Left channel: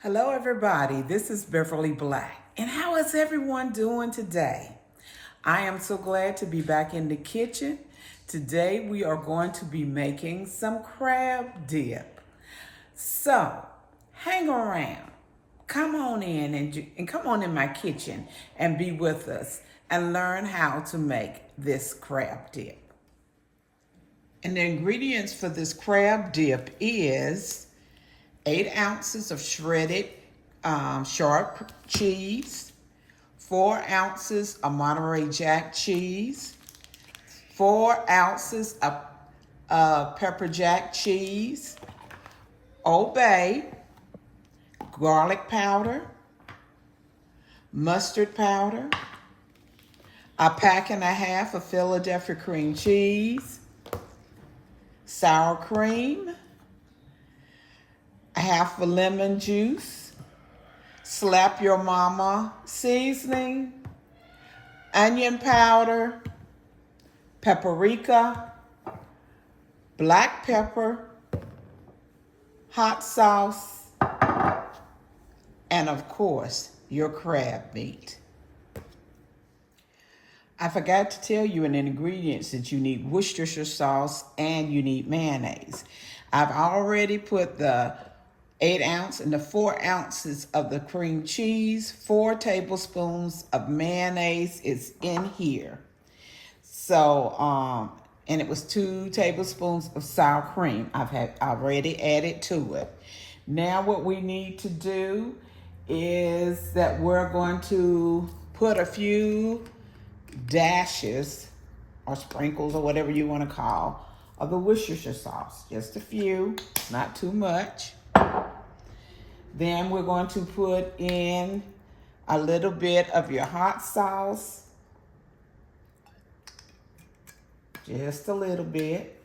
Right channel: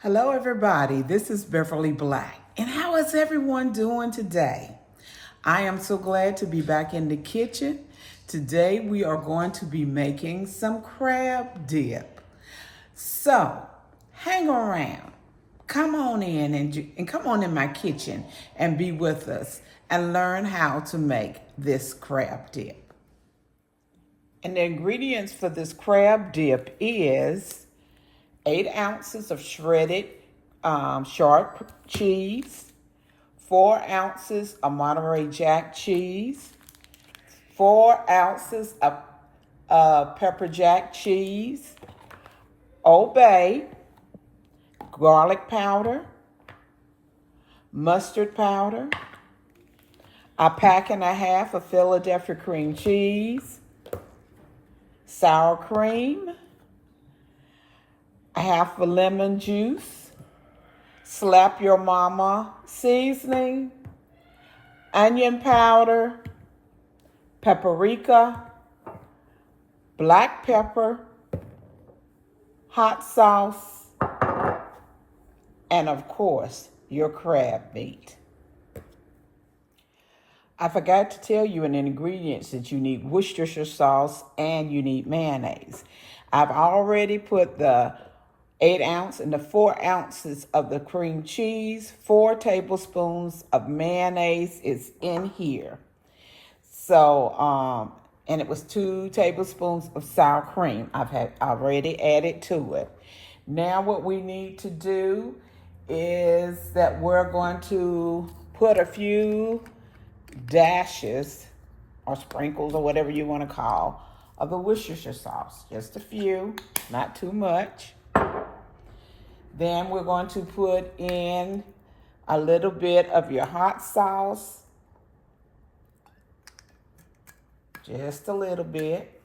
Hello everybody, this is Beverly Black. And how is everyone doing today? I am so glad to be back in the kitchen. Today we are going to be making some crab dip. So, hang around. Come on in and come on in my kitchen and be with us and learn how to make this crab dip. And the ingredients for this crab dip is 8 ounces of shredded sharp cheese, 4 ounces of Monterey Jack cheese, 4 ounces of pepper jack cheese, Old Bay, garlic powder, mustard powder, a pack and a half of Philadelphia cream cheese, sour cream, half a lemon juice, slap your mama seasoning, onion powder, paprika, black pepper, hot sauce, and of course, your crab meat. I forgot to tell you in the ingredients that you need Worcestershire sauce and you need mayonnaise. I've already put the 8 ounce and the 4 ounces of the cream cheese, 4 tablespoons of mayonnaise is in here. So, and it was 2 tablespoons of sour cream I've already added to it. Now what we need to do is that we're going to put a few dashes or sprinkles or whatever you want to call of the Worcestershire sauce. Just a few, not too much. Then we're going to put in a little bit of your hot sauce. Just a little bit.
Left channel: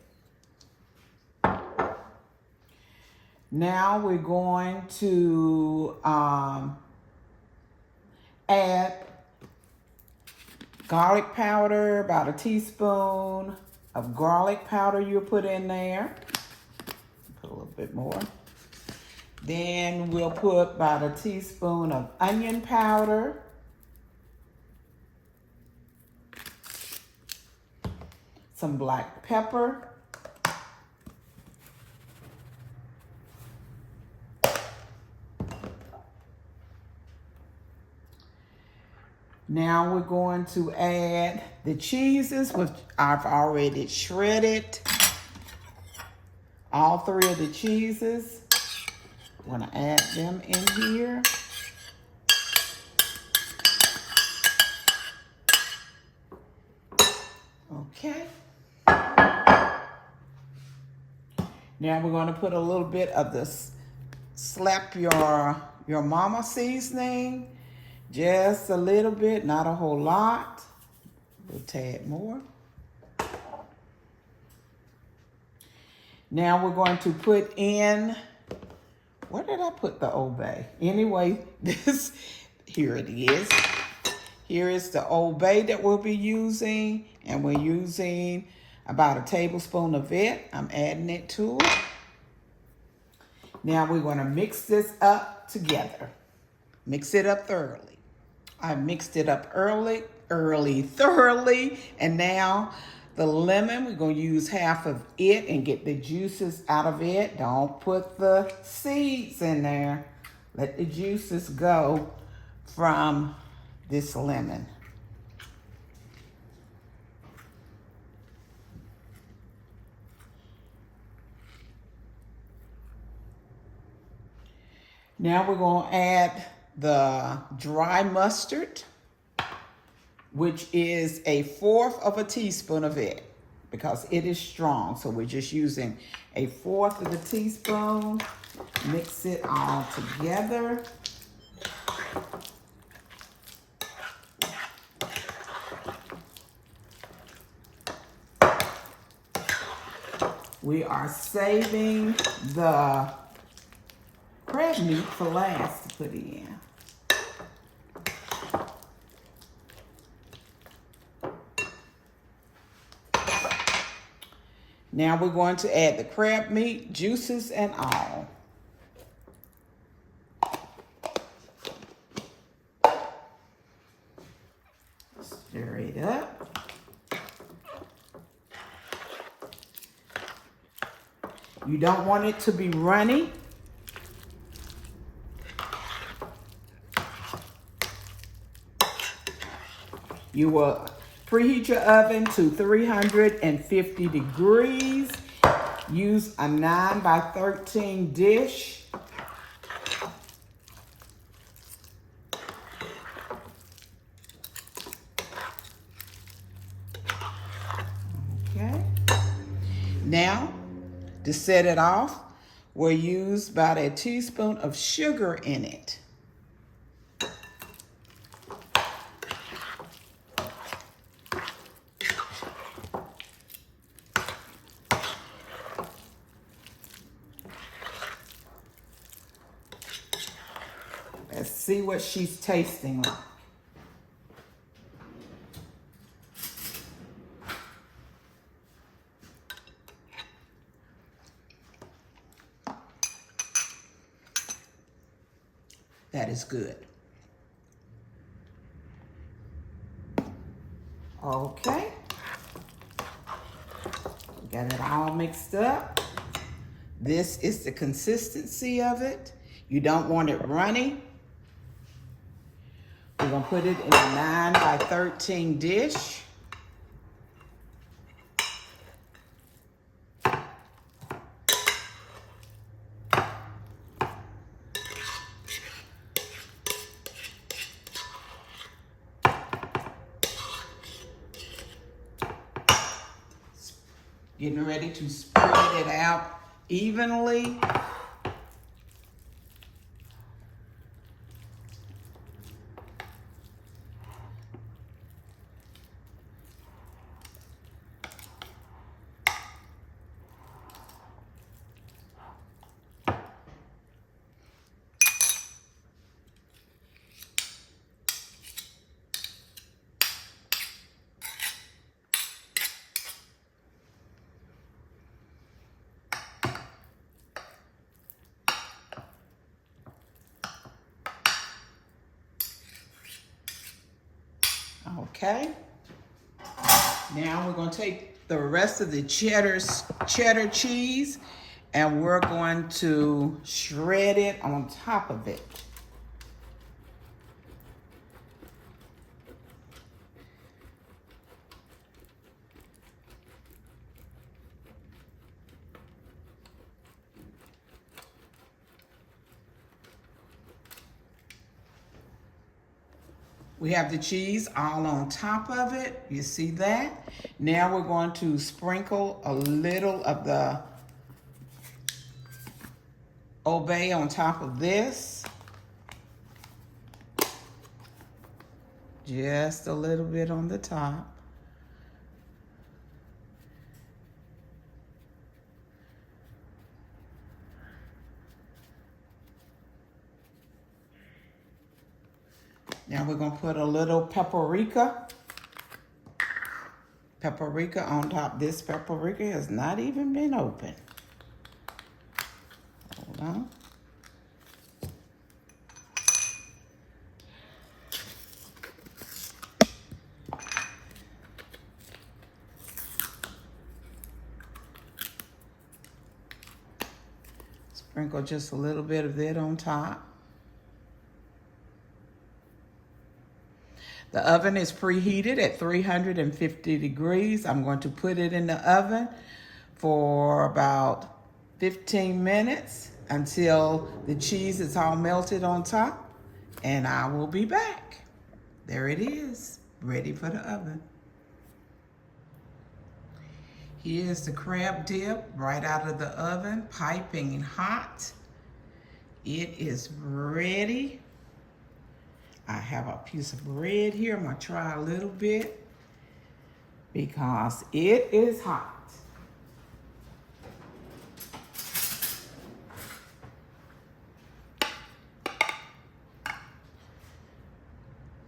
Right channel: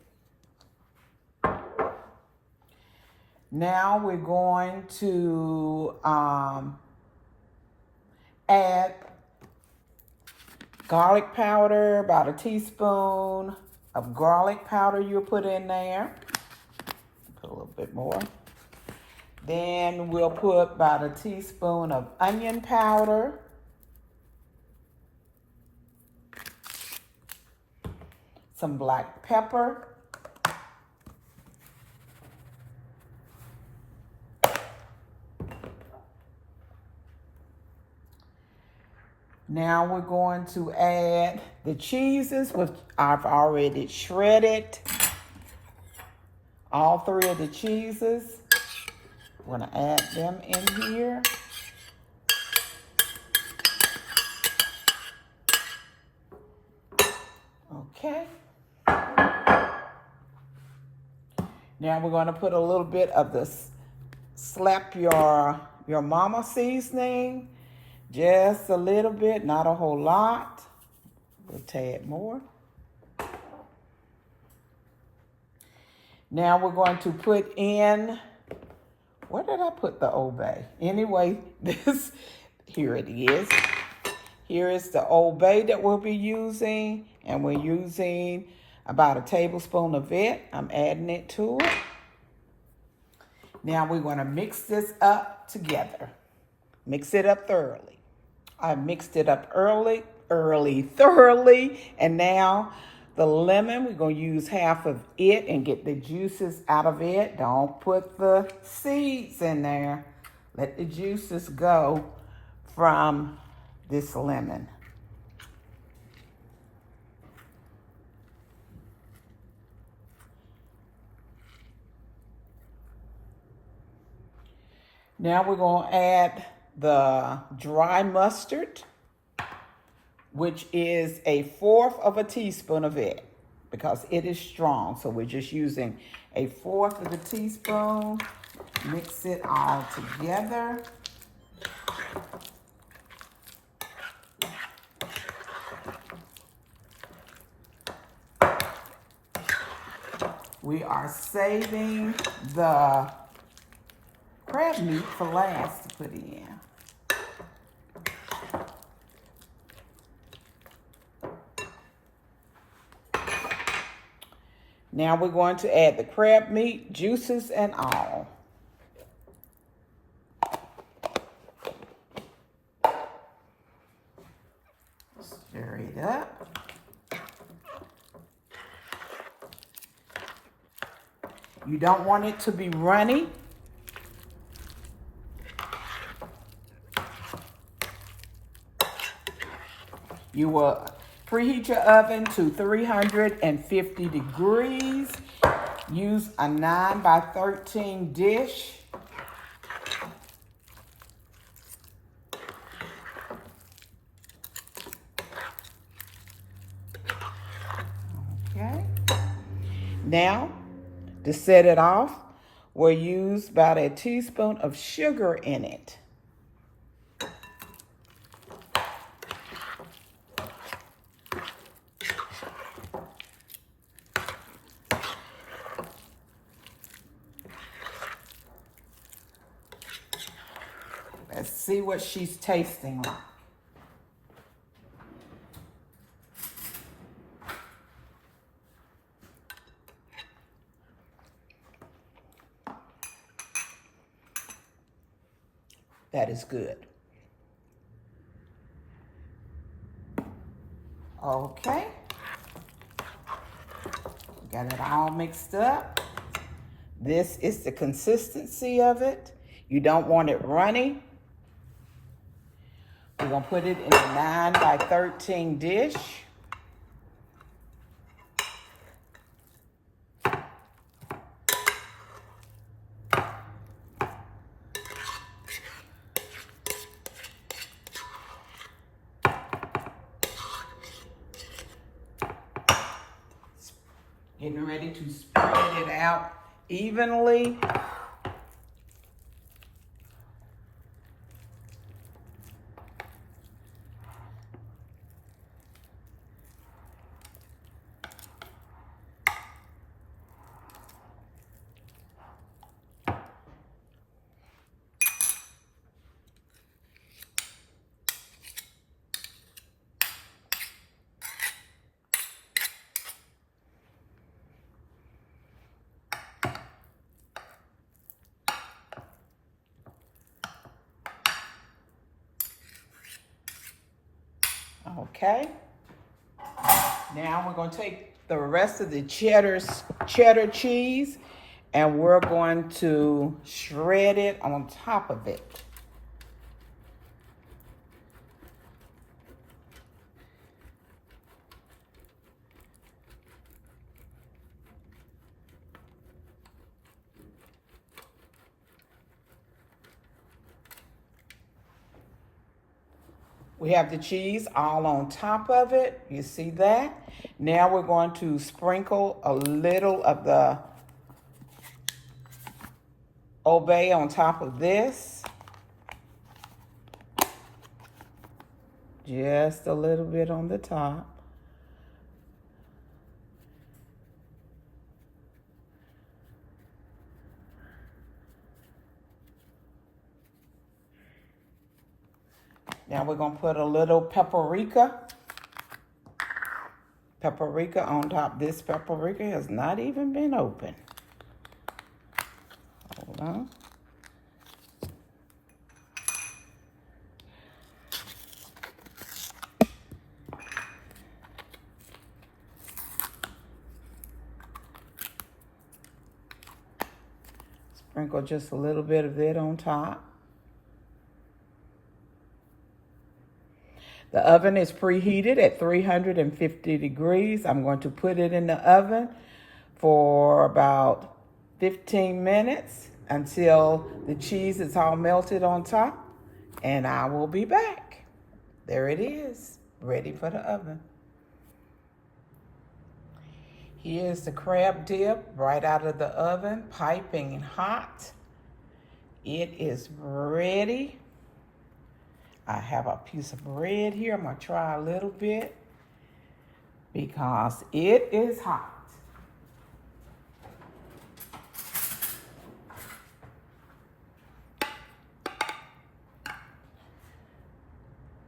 Now we're going to add garlic powder, about a teaspoon of garlic powder you'll put in there. Put a little bit more. Then we'll put about a teaspoon of onion powder. Some black pepper. Now we're going to add the cheeses, which I've already shredded. All 3 of the cheeses. I'm going to add them in here. Okay. Now we're going to put a little bit of this slap your mama seasoning. Just a little bit, not a whole lot. We'll tad more. Now we're going to put in, where did I put the Old Bay? Anyway, here it is. Here is the Old Bay that we'll be using, and we're using about a tablespoon of it. I'm adding it to it. Now we're going to mix this up together. Mix it up thoroughly. I mixed it up thoroughly, and now the lemon, we're going to use half of it and get the juices out of it. Don't put the seeds in there. Let the juices go from this lemon. Now we're going to add the dry mustard, which is a 1/4 of a teaspoon of it because it is strong. So we're just using a 1/4 of a teaspoon. Mix it all together. We are saving the crab meat for last to put in. Now we're going to add the crab meat, juices and all. Stir it up. You don't want it to be runny. You will preheat your oven to 350 degrees. Use a 9 by 13 dish. Okay. Now, to set it off, we'll use about a teaspoon of sugar in it. Let's see what she's tasting like. That is good. Okay. Got it all mixed up. This is the consistency of it. You don't want it runny. We're gonna put it in a 9 by 13 dish. Getting ready to spread it out evenly. Okay. Now we're going to take the rest of the cheddar cheese and we're going to shred it on top of it. We have the cheese all on top of it. You see that? Now we're going to sprinkle a little of the Obey on top of this. Just a little bit on the top. Now we're gonna put a little paprika on top. This paprika has not even been opened. Hold on. Sprinkle just a little bit of it on top. The oven is preheated at 350 degrees. I'm going to put it in the oven for about 15 minutes until the cheese is all melted on top, and I will be back. There it is, ready for the oven. Here's the crab dip right out of the oven, piping hot. It is ready. I have a piece of bread here. I'm gonna try a little bit because it is hot.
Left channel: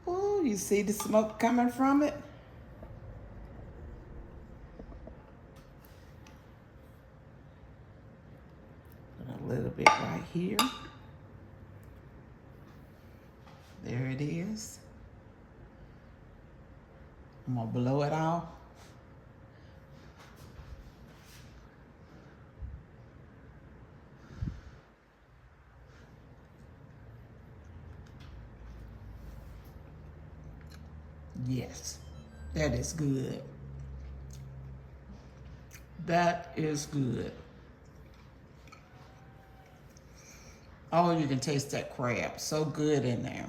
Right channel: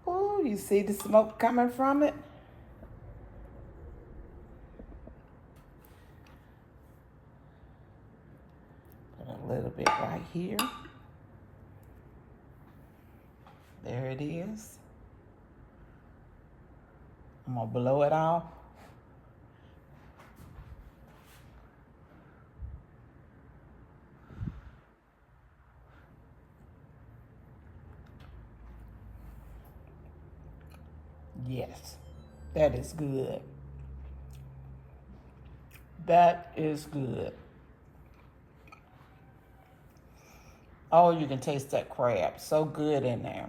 Oh, you see the smoke coming from it? Put a little bit right here. There it is. I'm gonna blow it off. Yes, that is good. That is good. Oh, you can taste that crab. So good in there.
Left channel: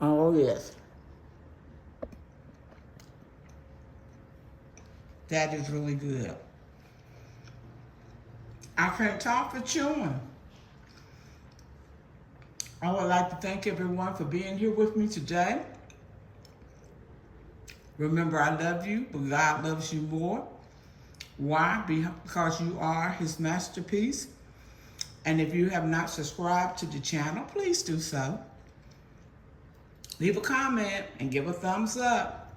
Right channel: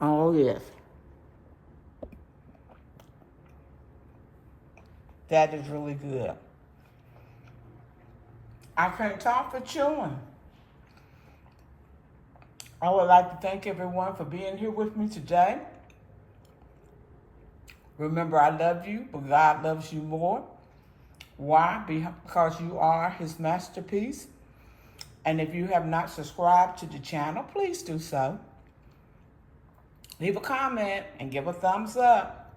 Oh, yes. That is really good. I can't talk for chewing. I would like to thank everyone for being here with me today. Remember, I love you, but God loves you more. Why? Because you are his masterpiece. And if you have not subscribed to the channel, please do so. Leave a comment and give a thumbs up.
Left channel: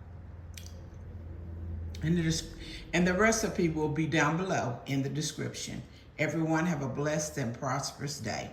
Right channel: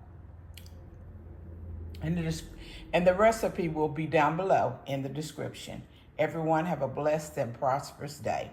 And the recipe will be down below in the description. Everyone have a blessed and prosperous day.